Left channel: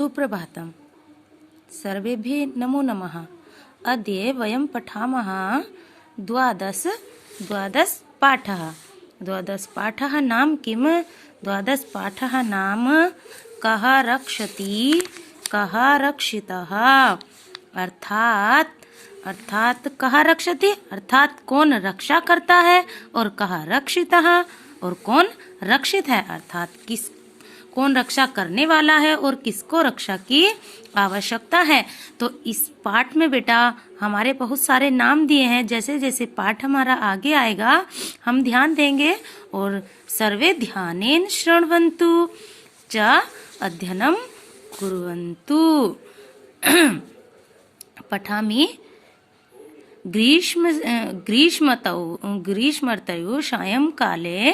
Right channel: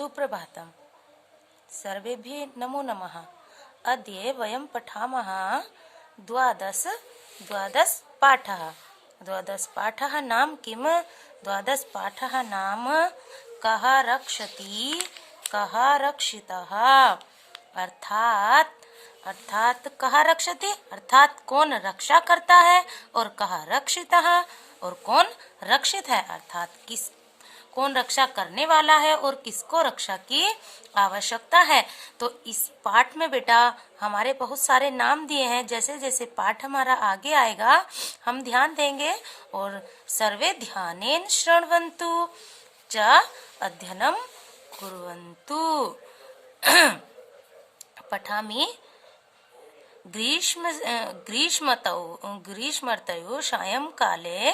सुप्रभातम्। सर्वेभ्यः नमो नमः। अद्य वयं पठामः द्वादश पाठः। द्वादश पाठः नाम किम्? द्वादश पाठः नाम कः रक्षति कः रक्षितः। अर्थात कः रक्षति अर्थात कौन रक्षा करता है, और कः रक्षितः और कौन रक्षित है, अर्थात कौन रक्षा करने वाला है और किसको रक्षा की आवश्यकता है। तो इस पाठ में बेटा हमारे बहुत सारे नाम दिए हैं। जैसे जैसे पाठ हमारा आगे आएगा हम ध्यान देंगे। और सर्वे ध्यानेन शृण्वन्तु च अध्ययनं कुर्वन्तु। पठामि ग्रीष्मर्तौ सायंकाले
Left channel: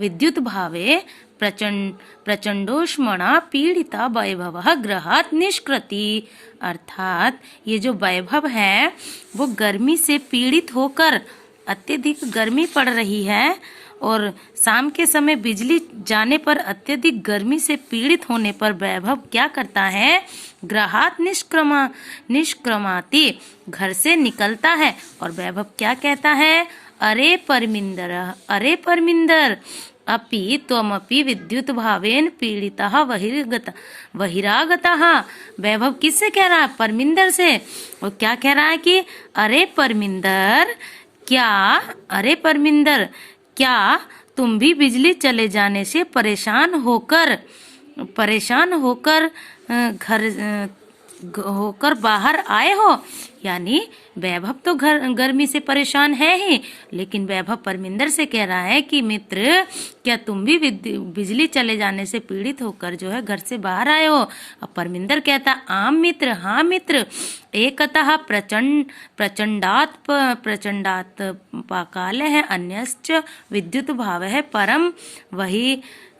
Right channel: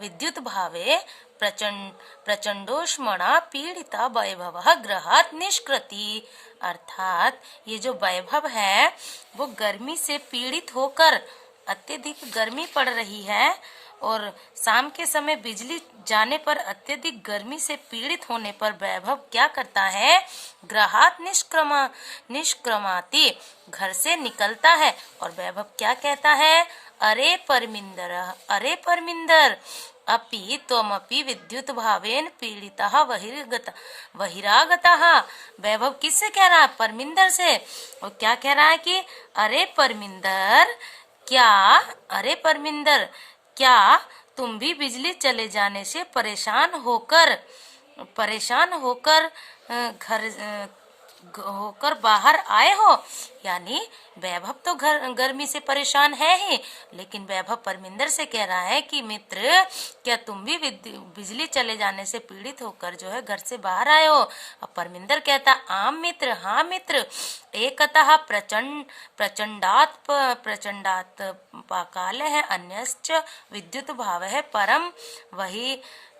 विद्युद्भावे प्रचंडोष्मणा पीड़िता वैभवः गृहात् निष्कृति। अर्थात ये जो वैभव है वो गर्मी से पीड़ित होकर, अत्यधिक गर्मी पड़ रही है और शाम के समय बिजली जाने पर अत्यधिक गर्मी से पीड़ित होने पर वैभव क्या करता है? गृहात् निष्क्रमाति, घर से निकलता है। और वैभव क्या कहता है? अरे परमिंदर अपि त्वमपि विद्युत भावेन पीड़ितः बहिरागतः। वैभव किससे कह रहा है? परमिंदर से। और क्या कह रहा है कि अरे परमिंदर क्या तुम भी बिजली चले जाने से परेशान होकर बाहर आए हो। यानी वैभव तो गर्मी से परेशान है ही, लेकिन वैभव परमिंदर से कह रहा है कि मित्र क्या तुम भी बिजली चले जाने से पीड़ित होकर जो है घर से बाहर आए हो। अब परमिंदर कहता आम मित्र, हाँ मित्र। एकतः प्रचंडात पाकाल है, अन्यश्च विद्युत भाव है, परम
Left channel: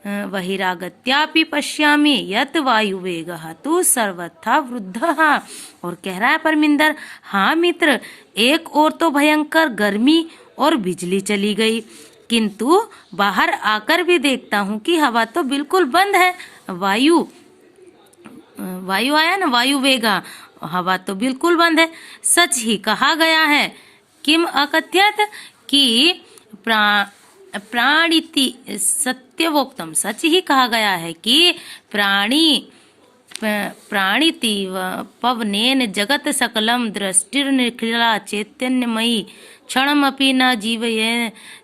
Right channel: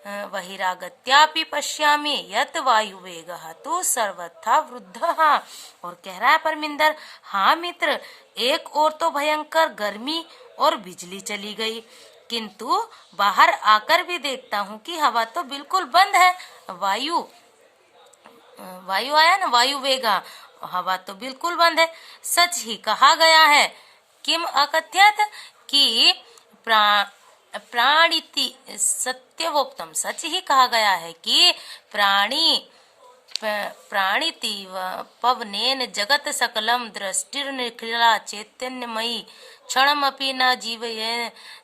बहिरागत्यापि पश्यामि यत वायुवेगः तु सर्वथा वृद्धः। और कह रहा है परमिंदर, हाँ मित्र, एक और तो भयंकर गर्मी और बिजली चली गई, किंतु बाहर आकर भी देखता हूँ कि हवा तो बिल्कुल बंद है। वायु आया ना, वायु वेगा, हवा तो बिल्कुल बंद है। सच ही कहा गया है, किम अकथ्यत, कि प्राणिति सत्यवोक्तम, सच ही कहा गया है कि प्राणिति पवनेन जगत सकलम दृष्टिर्निखिला चैतन्यमयी क्षणमपि न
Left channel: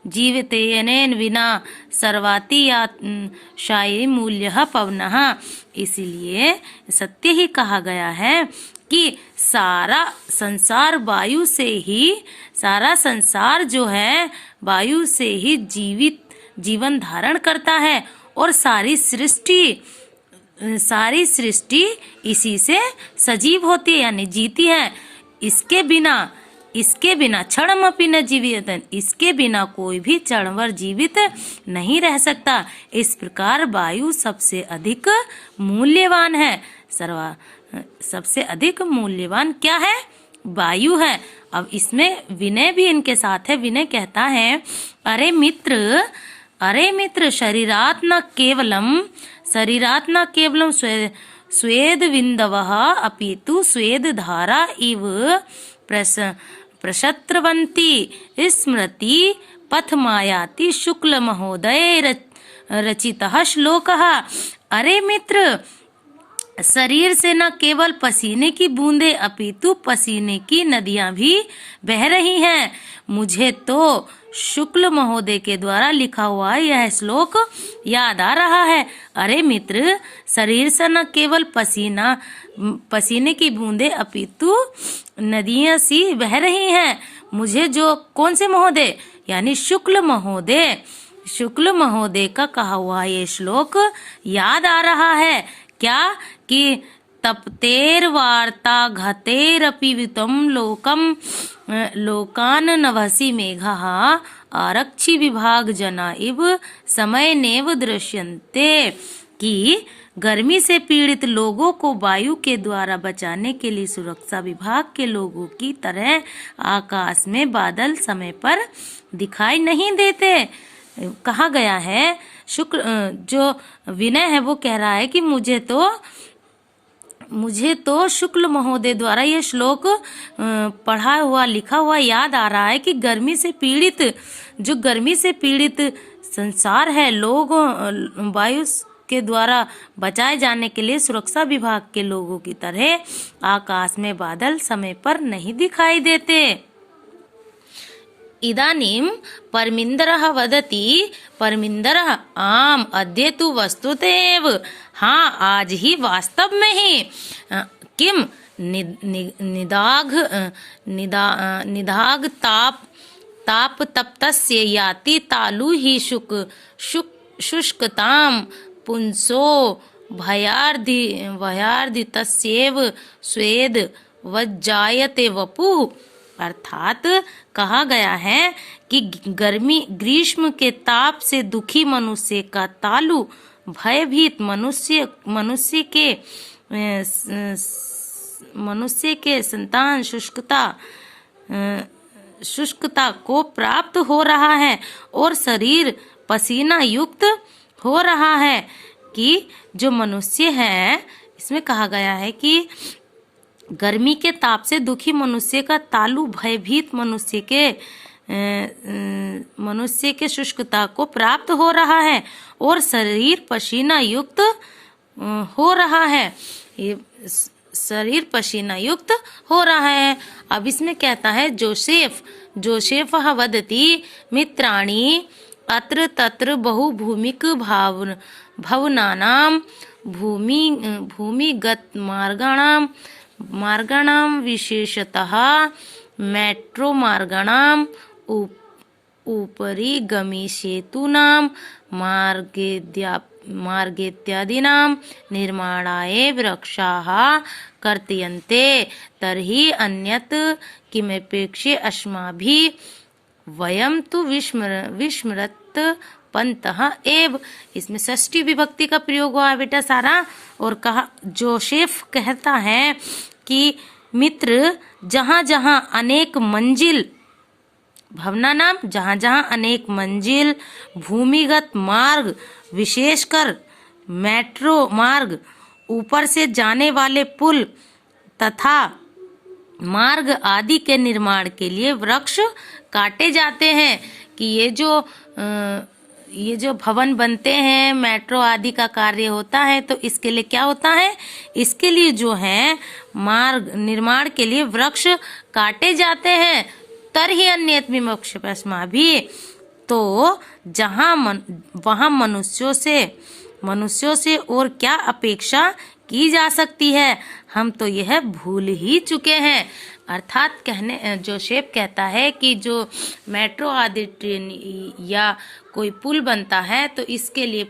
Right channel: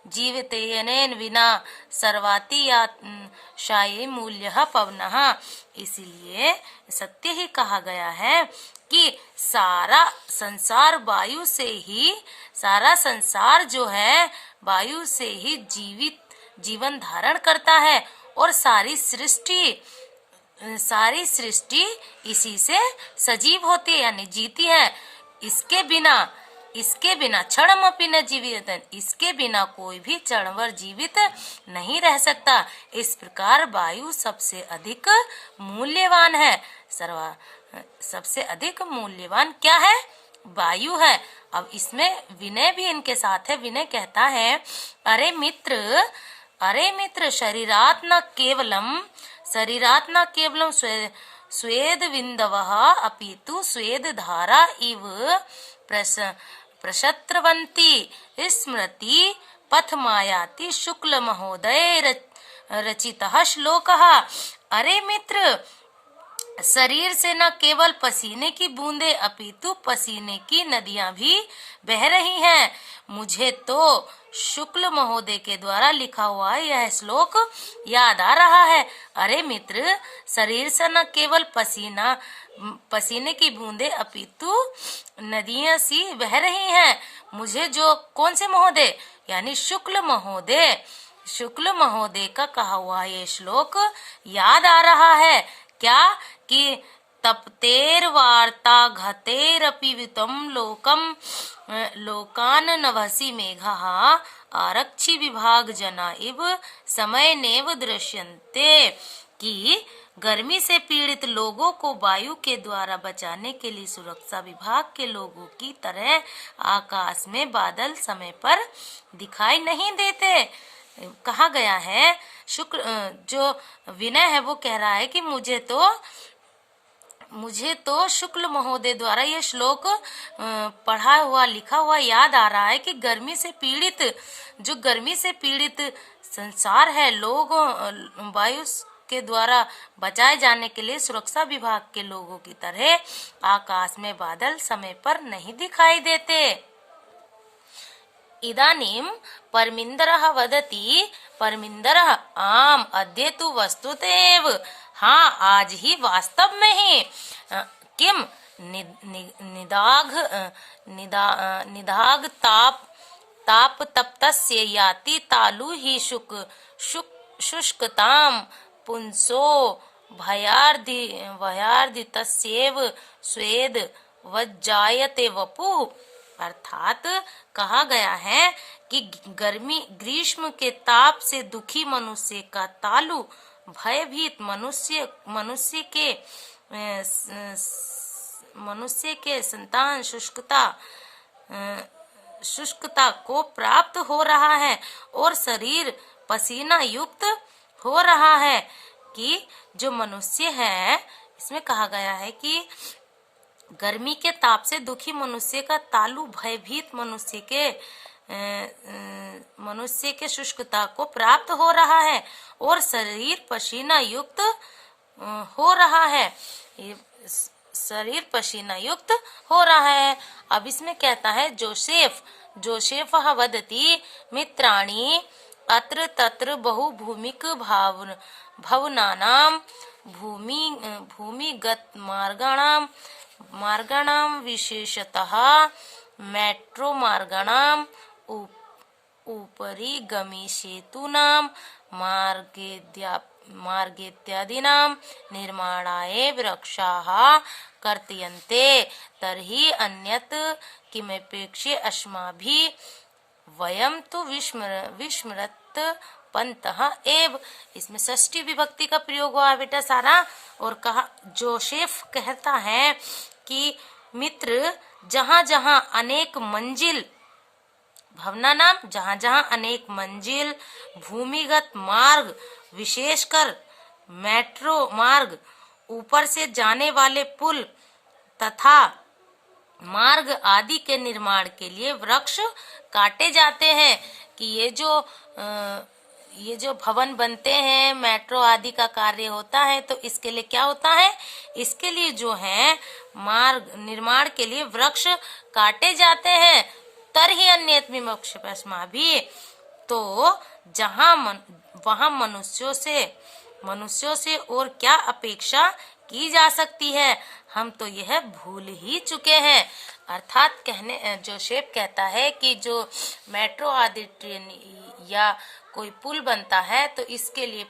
जीवतेयनेन विना सर्वातिशायी मूल्यः पवनः। इसीलिए सत्य ही कहा गया है कि सारा संसार जो है वायु से ही जीवन धारण करता है, और सारी सृष्टि इसी से सजीव होती है, यानी जीती है। इसके बिना क्षणमपि न जीवित, इसके बिना कोई भी क्षणभर जीवित नहीं रह सकता। इस प्रकार वायु सबसे अधिक मूल्यवान है। सबसे अधिक मूल्यवान क्या है? वायु है। अब इसमें विनय भी इनके साथ है। विनय कहता है, अरे मित्र शरीरात् न केवलम स्वेद विंदवः अपितु स्वेद धारा इव प्रशत्रवंती स्मृति पथमायाति शुक्ल महोदय रचितः श्लोकः। अरे मित्र, शरीर से न केवल पसीने की बूंदे अपितु पसीने की नदियां भी बह रही हैं। मुझे तो शुक्ल महोदय के द्वारा लिखा हुआ यह श्लोक याद आ रहा है। अरे मित्र, शरीर से न केवल पसीने की बूंदे अपितु नदियां सी बह रही हैं। मुझे जो कौन से महोदय, यानी शुक्ल महोदय का कहा हुआ ये श्लोक याद आ रहा है। क्या कि तप्तेर वार्ता घतेरपि वितम लोकान नभसि मेघः आरक्षि विभाग जना इव समय नेव दृश्यन्ते। कि गर्मी से पीड़ित लोगों को वायु के द्वारा बचाने के लिए सुरक्षा विभाग के लोगों की तरह आकाश में बादल समय पर दिखाई नहीं देते। कहा गया है। जो विनय है वो कह रहा है कि मुझे तो मुझे तो शुक्ल महोदय द्वारा यह श्लोक पढ़ा हुआ लिखा हुआ याद आ रहा है कि गर्मी से पीड़ित संसार है, लोग वायु के द्वारा बचाए जाने के लिए सुरक्षा विभाग के लोगों की तरह आकाश में बादल समय पर नहीं दिखाई देते। इदानीं परमिंदरः वदति, परमिंदरः आम अद्य तु वस्तुतैव, हाँ आज ही वास्तव में ही, किम निदाघ ताप तप्तस्य याति तालु ही शुष्कताम पुंसो भयार्धितस्येव स्वेद वज्जायते वपुः। अर्थात कहा गया है कि ग्रीष्म के ताप से दुखी मनुष्य का तालु भयभीत मनुष्य के संतान शुष्कता को प्राप्त हो रहा है और शरीर पसीना युक्त हो रहा है। कि जो मनुष्य है, इसमें कहा गया है कि गर्मी के ताप से दुखी मनुष्य का तालु भयभीत मनुष्य के शुष्कता को प्राप्त हो रहा है और शरीर पसीना युक्त हो रहा है। ये शरीर पसीना युक्त हो रहा है। अब इसमें कहता है जोसेफ वदति मित्राणि अत्र तत्र बहुभूमिक भवनानां भूमिगत मार्गाणां विशेषतः मेट्रो मार्गाणां उपरि गमिसेतूनां मार्गेत्यादीनां निर्माणाय वृक्षाः कर्तयन्ते तर्हि अन्यत् किमपेक्षे अस्माभिः, वयं तु विस्मृत पंतः एव। इसमें षष्ठी विभक्ति का प्रयोग हुआ है बेटा सारा। और कहा, जोसेफ कहता है कि मित्र, जहाँ जहाँ अनेक मंजिल, भवना नाम, जहाँ जहाँ अनेक मंजिल, भूमिगत मार्ग, विशेषकर मेट्रो मार्ग, ऊपर से जाने वाले पुल तथा मार्ग आदि के निर्माण के लिए वृक्ष काटे जाते हैं। कि ये जो भवन बनते हैं, मेट्रो आदि का कार्य होता है, तो इसके लिए क्या होता है, इसके लिए जो है मार्ग निर्माण के लिए वृक्ष काटे जाते हैं। तरहि अन्यत् विमोक्षपस्माभिः, तो वहाँ मनुष्यों से और क्या अपेक्षा की जा सकती है, हम तो यह भूल ही चुके हैं। अर्थात जोसेफ कहता है कि जो मेट्रो आदि ट्रेन या कोई पुल बनता है तो इसके लिए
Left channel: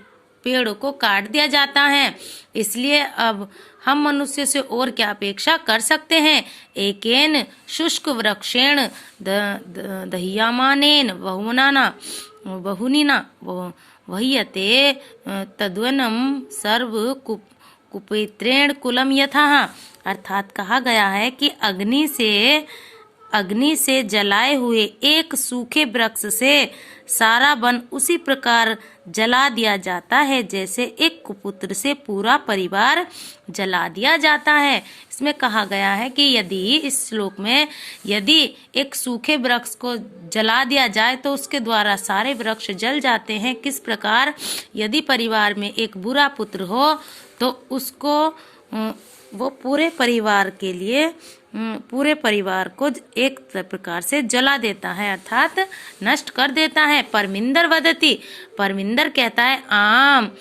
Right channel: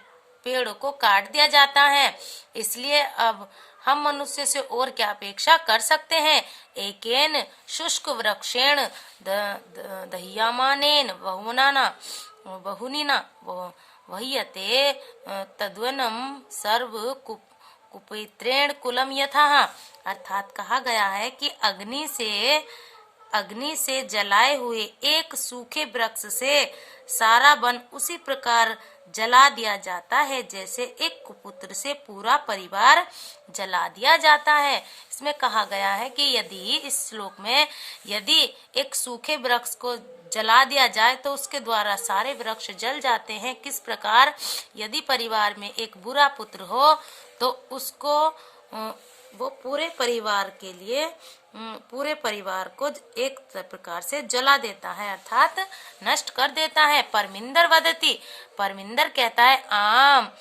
पेड़ों को काट दिया जाता है, इसलिए अब हम मनुष्य से और क्या अपेक्षा कर सकते हैं। एकेन शुष्क वृक्षेण दह्यमानेन बहुनिना वह्यते तद्वनं सर्व कुपित्रेण कुलम यथा। अर्थात कहा गया है कि अग्नि से जलाए हुए एक सूखे वृक्ष से सारा वन उसी प्रकार जला दिया जाता है जैसे एक कुपुत्र से पूरा परिवार जला दिया जाता है। इसमें कहा गया है कि इस श्लोक में यदि एक सूखे वृक्ष को जला दिया जाए तो उसके द्वारा सारे वृक्ष जल जाते हैं। किस प्रकार यदि परिवार में एक बुरा पुत्र हो तो उसको वो पूरे परिवार को एक प्रकार से जला देता है, अर्थात नष्ट कर देता है। परमिंदर वदति, परमिंदर कहता है आम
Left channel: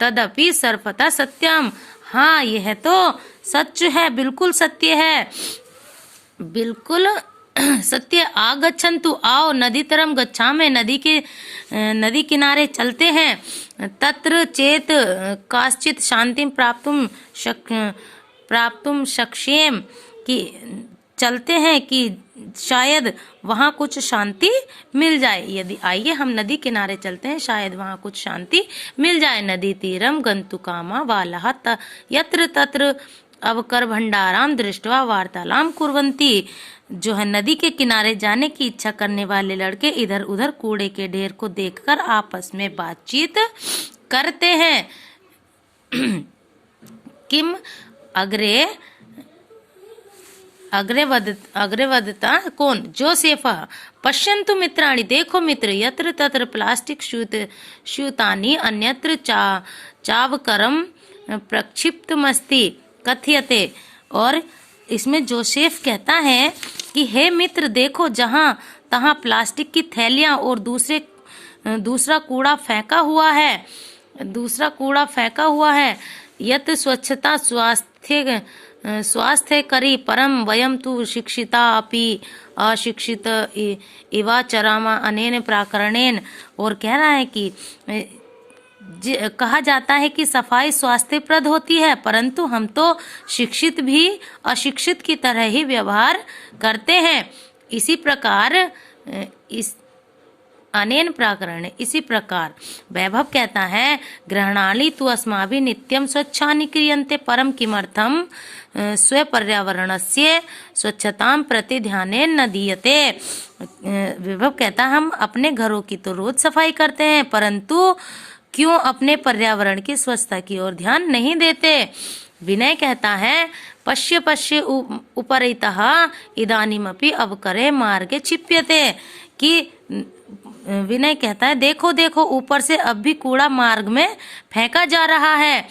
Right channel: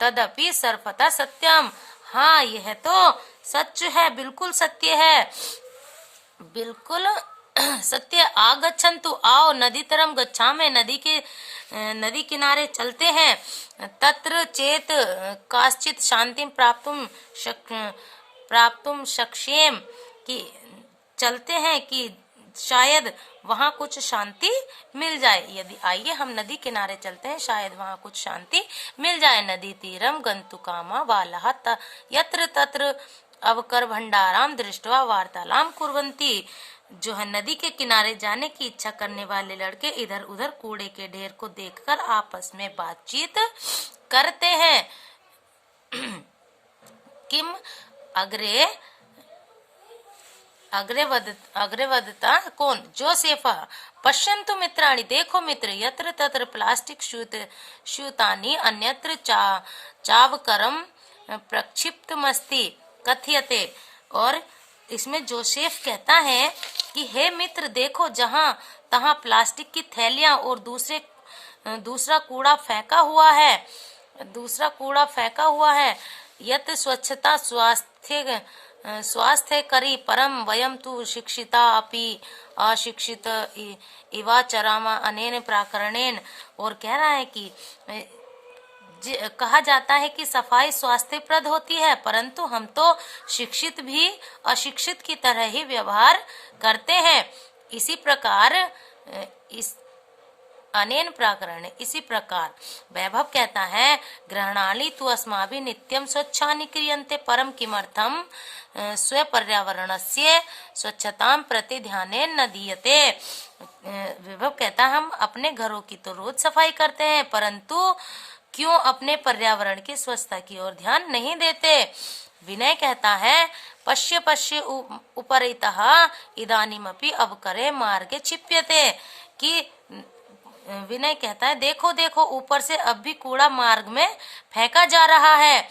तदपि सर्वथा सत्यम, हाँ यह तो सच है, बिल्कुल सत्य है, बिल्कुल सत्य। आगच्छन्तु, आओ नदी तरम गच्छामि, नदी किनारे चलते हैं। तत्र चेत काश्चित शांतिं प्राप्तुम शक्ष्येम, कि चलते हैं कि शायद वहाँ कुछ शांति मिल जाए। यदि आइए हम नदी किनारे चलते हैं, शायद वहाँ कुछ शांति मिल जाए। नदी तीरम गंतुकामा वालः यत्र तत्र अवकर भंडाराम दृष्टवा वार्तालाम कुर्वन्ति। जो है नदी के किनारे जाने की इच्छा करने वाले लड़के इधर उधर कूड़े के ढेर को देखकर आपस में बातचीत करते हैं। किम अग्रे अग्रे कौन? जोसेफः पश्यन्तु मित्राणि, देखो मित्र, यत्र तत्र प्लास्टिक स्यूतानि अन्यत्र चावकरम प्रक्षिप्तमस्ति कथ्यते। और इसमें जोसेफ कहता है कि हे मित्र देखो, जहाँ तहाँ प्लास्टिक की थैलियां और दूसरा कूड़ा फेंका हुआ है। यत स्वच्छता स्वास्थ्य करी परम वयम तु शिक्षिता अपि अशिक्षित इवाचरामा अनेन प्राकरणेन। और कह रहा है कि कहा जाता है कि सफाई स्वास्थ्यप्रद होती है, परंतु हम तो शिक्षित भी अशिक्षित की तरह ही व्यवहार करते हैं। इसी प्रकार अनेन प्राकरण, इसी प्रकार वैभव कहता है ग्रहणानि तु अस्माभिः नित्यं स्वच्छानि क्रियन्ते परम किमर्थम स्व पर्यावरणस्य स्वच्छतां प्रति ध्यानेन न दीयते। वैभव कहता हम अपने घरों की तो रोज सफाई करते हैं, परंतु क्यों अपने पर्यावरण की स्वच्छता की ओर ध्यान नहीं देते। विनय कहता है पश्य उपरितः इदानीमपि अवकरे मार्गे क्षिप्यते, कि विनय कहता है देखो देखो, ऊपर से अब भी कूड़ा मार्ग में फेंका जा रहा है।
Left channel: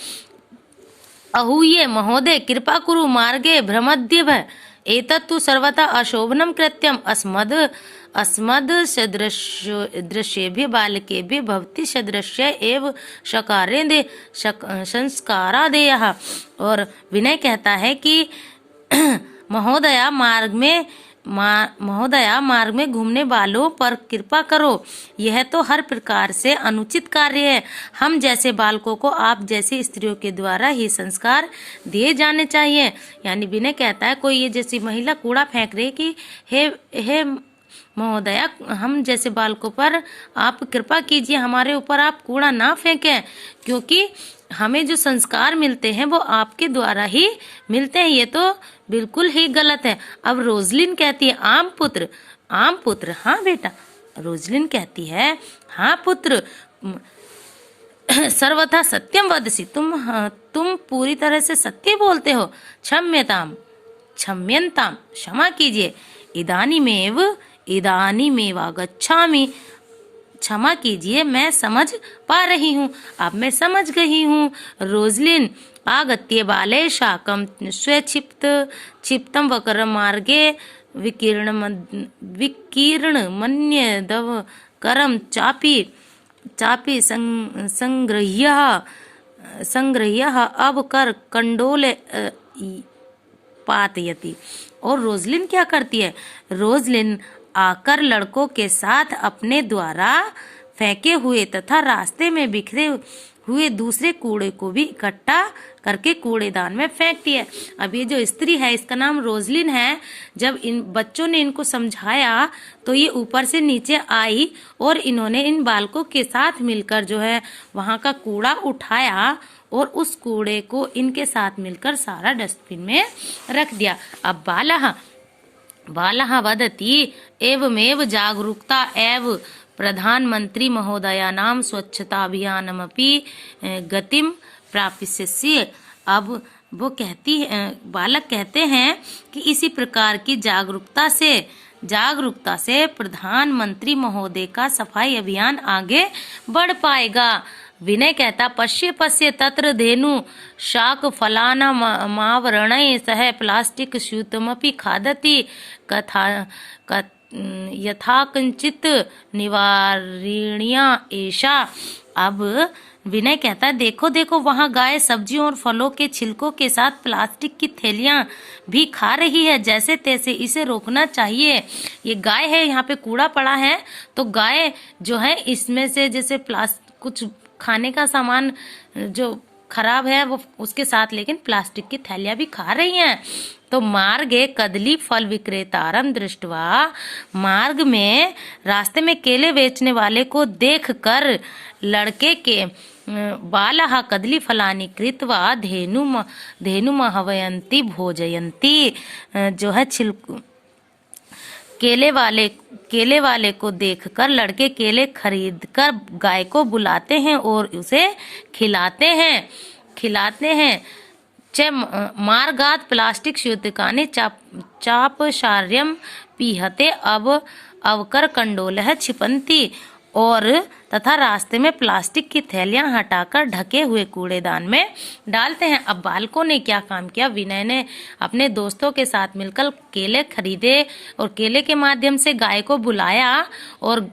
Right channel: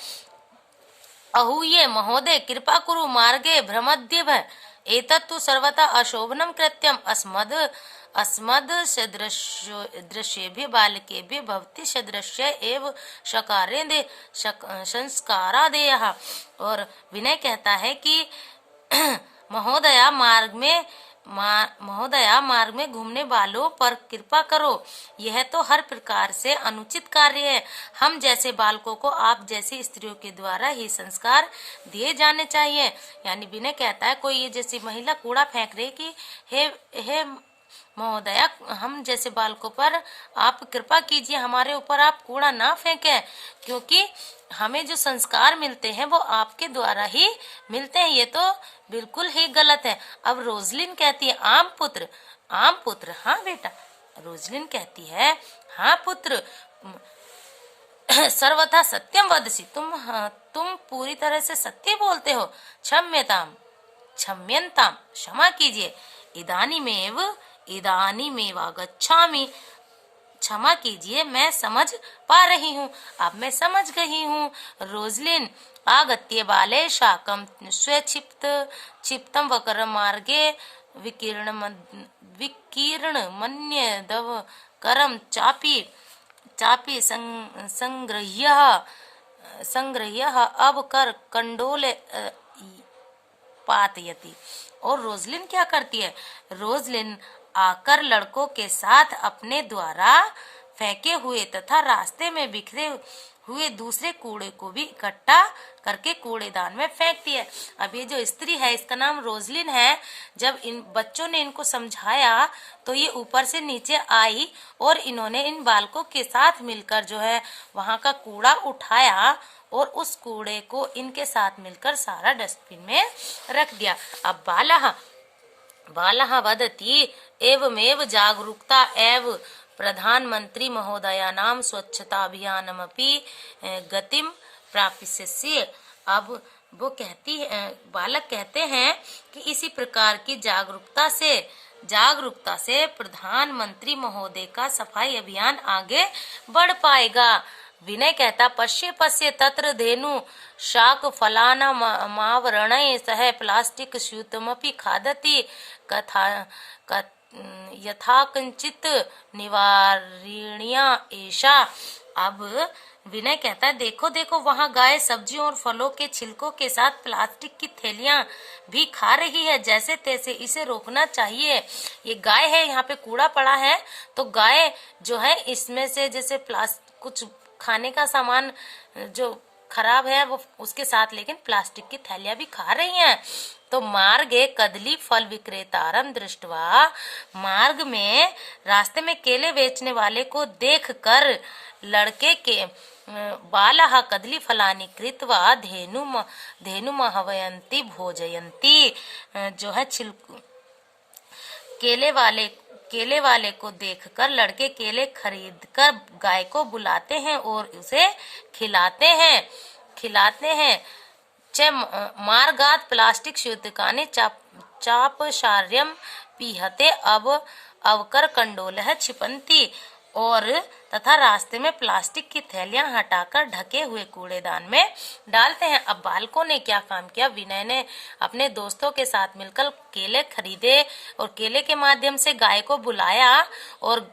अहूये महोदय कृपा कुरु मार्गे भ्रमद्यव एतत्तु सर्वथा अशोभनम कृत्यम अस्मद् सदृश्येभ्यः बालकेभ्यः भवति सदृश्य एव संस्कारादेयः। और विनय कहता है कि महोदया मार्ग में घूमने वालों पर कृपा करो, यह तो हर प्रकार से अनुचित कार्य है। हम जैसे बालकों को आप जैसी स्त्रियों के द्वारा ही संस्कार दिए जाने चाहिए। यानी विनय कहता है कोई ये जैसी महिला कूड़ा फेंक रही कि हे महोदया, हम जैसे बालकों पर आप कृपा कीजिए, हमारे ऊपर आप कूड़ा ना फेंकें, क्योंकि हमें जो संस्कार मिलते हैं वो आपके द्वारा ही मिलते हैं। ये तो बिल्कुल ही गलत है। अब रोजलिन कहती है आम पुत्र, हाँ बेटा। रोजलिन कहती है हाँ पुत्र, सर्वथा सत्यम वदसि, तुम पूरी तरह से सत्य बोलते हो। क्षम्यताम, क्षमा कीजिए। इदानीमेव गच्छामि, क्षमा कीजिए, मैं समझ पा रही हूँ, अब मैं समझ गई हूँ। रोजलिन आगत्य बाले शाकम क्षिप्तम वक्रम मार्गे विकीर्ण मन्यदव करम चापी संग्रह्य अब कर कंडोले पातयति। और रोजलिन क्या करती है? रोजलिन आकर लड़कों के साथ अपने द्वारा फेंके हुए तथा रास्ते में बिखरे हुए दूसरे कूड़े को भी इकट्ठा करके कूड़ेदान में फेंकती है। अब ये जो स्त्री है इसका नाम रोजलिन है। जब इन बच्चों ने इनको समझाया तो ये ऊपर से नीचे आई और इन्होंने इन बालकों के साथ मिलकर जो है वहां का कूड़ा उठाया और उस कूड़े को इनके साथ मिलकर सारा डस्टबिन में रख दिया। अब बालः वदति एवमेव जागरूकता एव प्रधानमंत्री महोदयानां स्वच्छताभियानमपि गतिम प्रापिष्यसि। अब वो बालक कहते हैं कि इसी प्रकार की जागरूकता से प्रधानमंत्री महोदय का सफाई अभियान आगे बढ़ पाएगा। विनय कहता पश्य तत्र धेनु शाक फलाना मावरणै सह प्लास्टिक स्यूतमपि खादति यथाकंचित निवारणीया एषा। अब विनय कहता है देखो देखो, वहाँ गाय सब्जियों और फलों के छिलकों के साथ प्लास्टिक की थैलियां भी खा रही है, जैसे तैसे इसे रोकना चाहिए। ये गाय है, यहाँ पे कूड़ा पड़ा है तो गाय जो है इसमें से जैसे कुछ खाने का सामान जो खराब है वो उसके साथ लेकिन प्लास्टिक की थैलियां भी खा रही हैं। तो मार्गे कदली फल विक्रेतारम दृष्टवा, मार्ग में रास्ते में केले बेचने वाले को देखकर लड़के के बालः कदली फलानि कृत्वा धेनुमहवयन्ति भोजयन्ति, जो है केले वाले को देखकर लड़के केले खरीदकर गाय को बुलाते हैं और उसे खिलाते हैं। च मार्गात् प्लास्टिक स्यूतकानि चापशार्यं पीहते अवकर कंडोलः क्षिपन्ति। और तथा रास्ते में प्लास्टिक की थैलियां हटाकर ढके हुए कूड़ेदान में डालते हैं। अब बालकों ने क्या काम किया, विनय ने अपने दोस्तों के साथ मिलकर केले खरीदे और केले के माध्यम से गाय को बुलाया और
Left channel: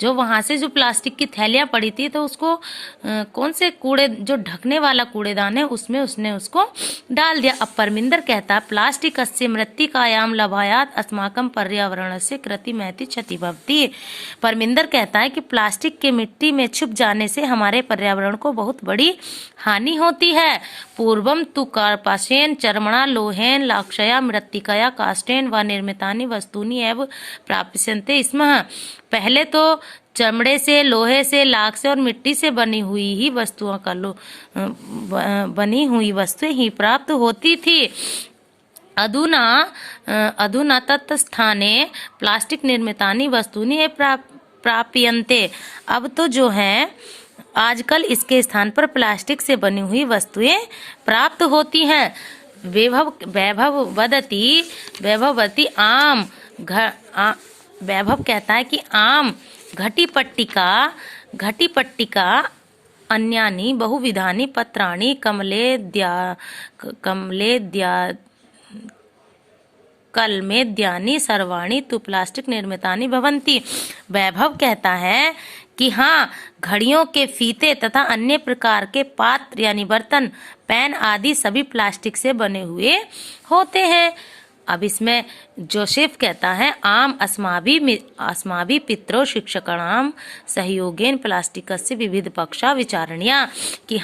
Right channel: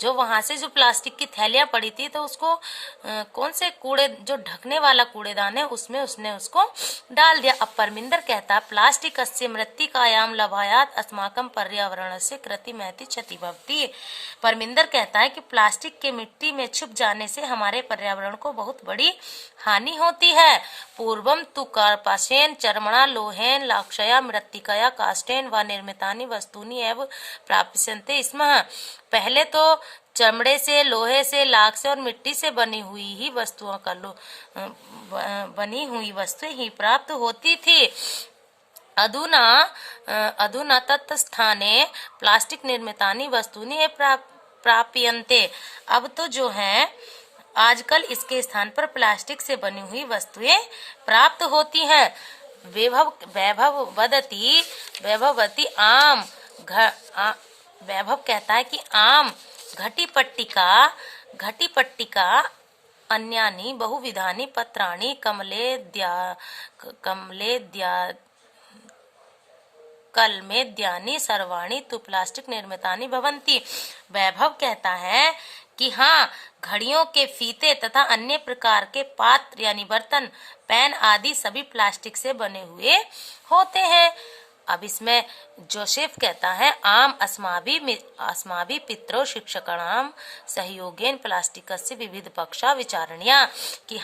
जो वहां से जो प्लास्टिक की थैलियां पड़ी थी तो उसको कौन से कूड़े जो ढकने वाला कूड़ेदान है उसमें उसने उसको डाल दिया। अब परमिंदर कहता है प्लास्टिक अस्य मृत्तिकायाम लभायात अस्माकं पर्यावरणस्य कृति महती क्षति भवति। परमिंदर कहता है कि प्लास्टिक के मिट्टी में छुप जाने से हमारे पर्यावरण को बहुत बड़ी हानि होती है। पूर्वम तु कार्पासेन चर्मणा लोहेन लाक्षया मृत्तिकया काष्ठेन व निर्मितानि वस्तूनि एव प्राप्यन्ते स्म। पहले तो चमड़े से, लोहे से, लाख से और मिट्टी से बनी हुई वस्तुएं ही प्राप्त होती थी। अधुना तत्स्थाने प्लास्टिक निर्मितानि वस्तूनि प्राप्यन्ते। अब तो जो है आजकल इसके स्थान पर प्लास्टिक से बनी हुई वस्तुएं प्राप्त होती हैं। वैभव कहता है कि आम घटी पट्टिका अन्यानि बहुविधानि पत्राणि कलमेद्यानि सर्वाणि तु प्लास्टिक निर्मितानि भवन्ति। वैभव कहता है कि हाँ, घड़ियों के फीते तथा अन्य प्रकार के पात्र यानी बर्तन, पेन आदि सभी प्लास्टिक से बने हुए होते हैं। अब इसमें जोसेफ कहता है आम अस्माभि पितरो शिक्षकाणाम सहयोगेन प्लास्टिकस्य विविध पक्षा विचारणीया। कि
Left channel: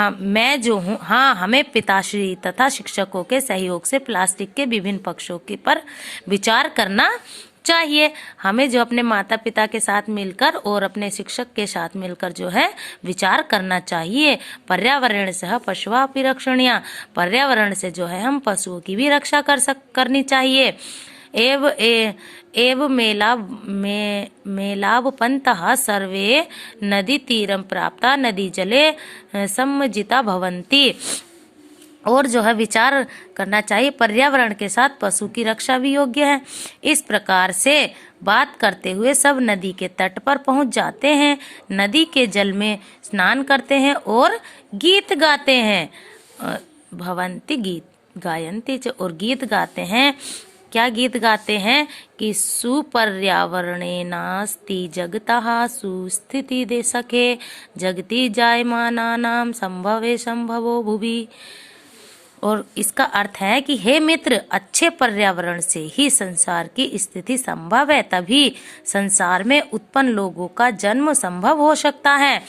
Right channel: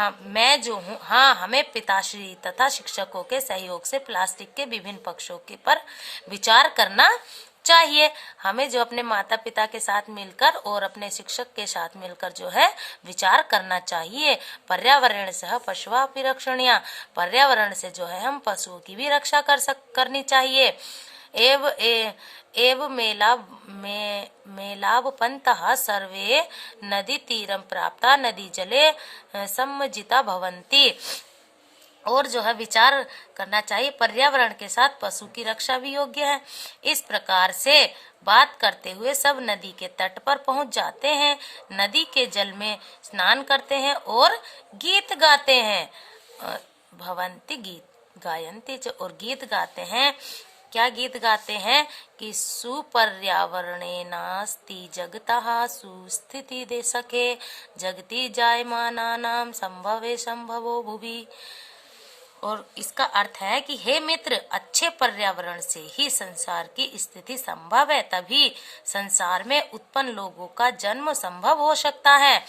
मैं जो हूँ, हमें पिताश्री तथा शिक्षकों के सहयोग से प्लास्टिक के विभिन्न पक्षों के पर विचार करना चाहिए। हमें जो अपने माता पिता के साथ मिलकर और अपने शिक्षक के साथ मिलकर जो है विचार करना चाहिए। पर्यावरण से पशुओं रक्षणीय, पर्यावरण से जो है हम पशुओं की भी रक्षा करनी चाहिए। एव मेलावपन्तः सर्वे नदी तीरम प्राप्ता नदी जले सम्मजिता भवन्ति। और जो है विचार करना चाहिए, पर्यावरण के साथ पशु की रक्षा भी योग्य है। इस प्रकार से बात करते हुए सब नदी के तट पर पहुंच जाते हैं, नदी के जल में स्नान करते हैं और गीत गाते हैं। भवंती गीत गायन्ति और गीत गाते हैं। क्या गीत गाते हैं कि सुपर्यावरणे नास्ति जगतः सुस्थिति दे सखे जगति जायमानानां संभवे संभवो भुवि। और इसका अर्थ है कि हे मित्र, अच्छे पर्यावरण से ही संसार की स्थिति संभव है, तभी संसार में उत्पन्न लोगों का जन्म संभव हो सकता है।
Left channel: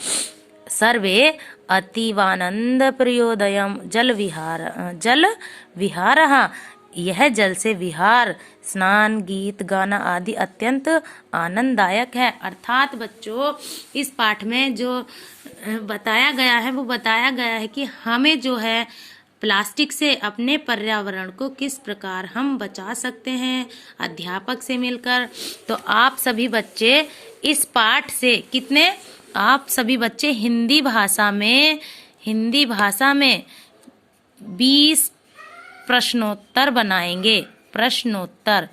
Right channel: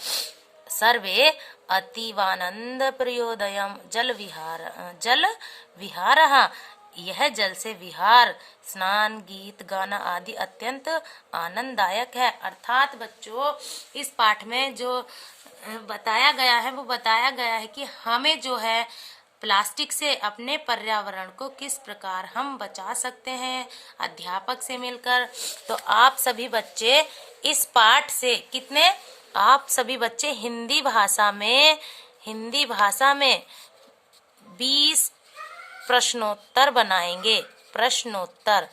सर्वे अतीवानंद प्रियोदयम जल विहार यह जल से विहार, स्नान, गीत गाना आदि अत्यंत आनंददायक है। अर्थात बच्चों, इस पाठ में जो बताया गया है वो बताया गया है कि हमें जो है प्लास्टिक से अपने पर्यावरण को किस प्रकार हम बचा सकते हैं अध्यापक से मिलकर। तो आप सभी बच्चे इस पाठ से आप सभी बच्चे हिंदी भाषा में 20 प्रश्नोत्तर बनाएंगे। प्रश्नोत्तर,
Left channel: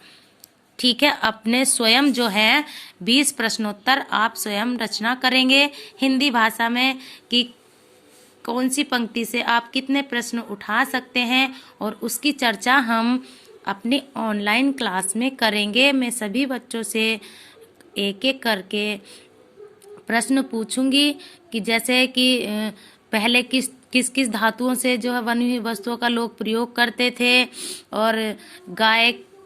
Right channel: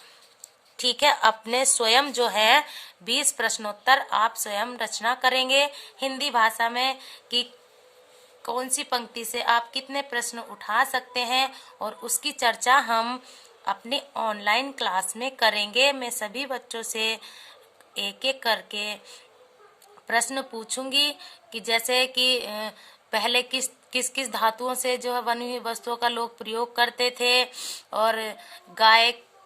ठीक है। अपने स्वयं जो है 20 प्रश्नोत्तर आप स्वयं रचना करेंगे हिंदी भाषा में कि कौन सी पंक्ति से आप कितने प्रश्न उठा सकते हैं, और उसकी चर्चा हम अपनी ऑनलाइन क्लास में करेंगे। मैं सभी बच्चों से एक एक करके प्रश्न पूछूंगी कि जैसे कि पहले किस किस धातुओं से जो है बनी हुई वस्तुओं का लोग प्रयोग करते थे, और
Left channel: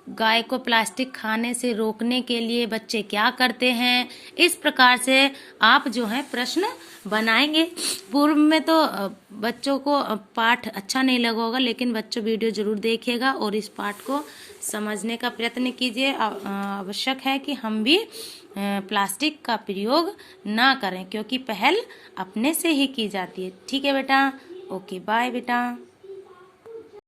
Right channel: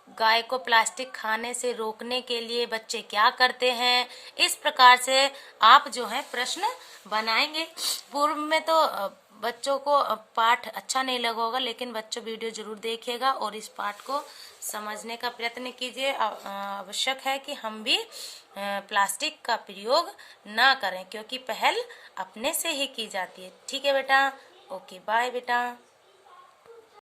गाय को प्लास्टिक खाने से रोकने के लिए बच्चे क्या करते हैं। इस प्रकार से आप जो है प्रश्न बनाएंगे। पूर्व में तो बच्चों को पाठ अच्छा नहीं लगा होगा, लेकिन बच्चों वीडियो जरूर देखिएगा और इस पाठ को समझने का प्रयत्न कीजिए। आवश्यक है कि हम भी प्लास्टिक का प्रयोग ना करें, क्योंकि पहल अपने से ही की जाती है। ठीक है बेटा, ओके, बाय बेटा।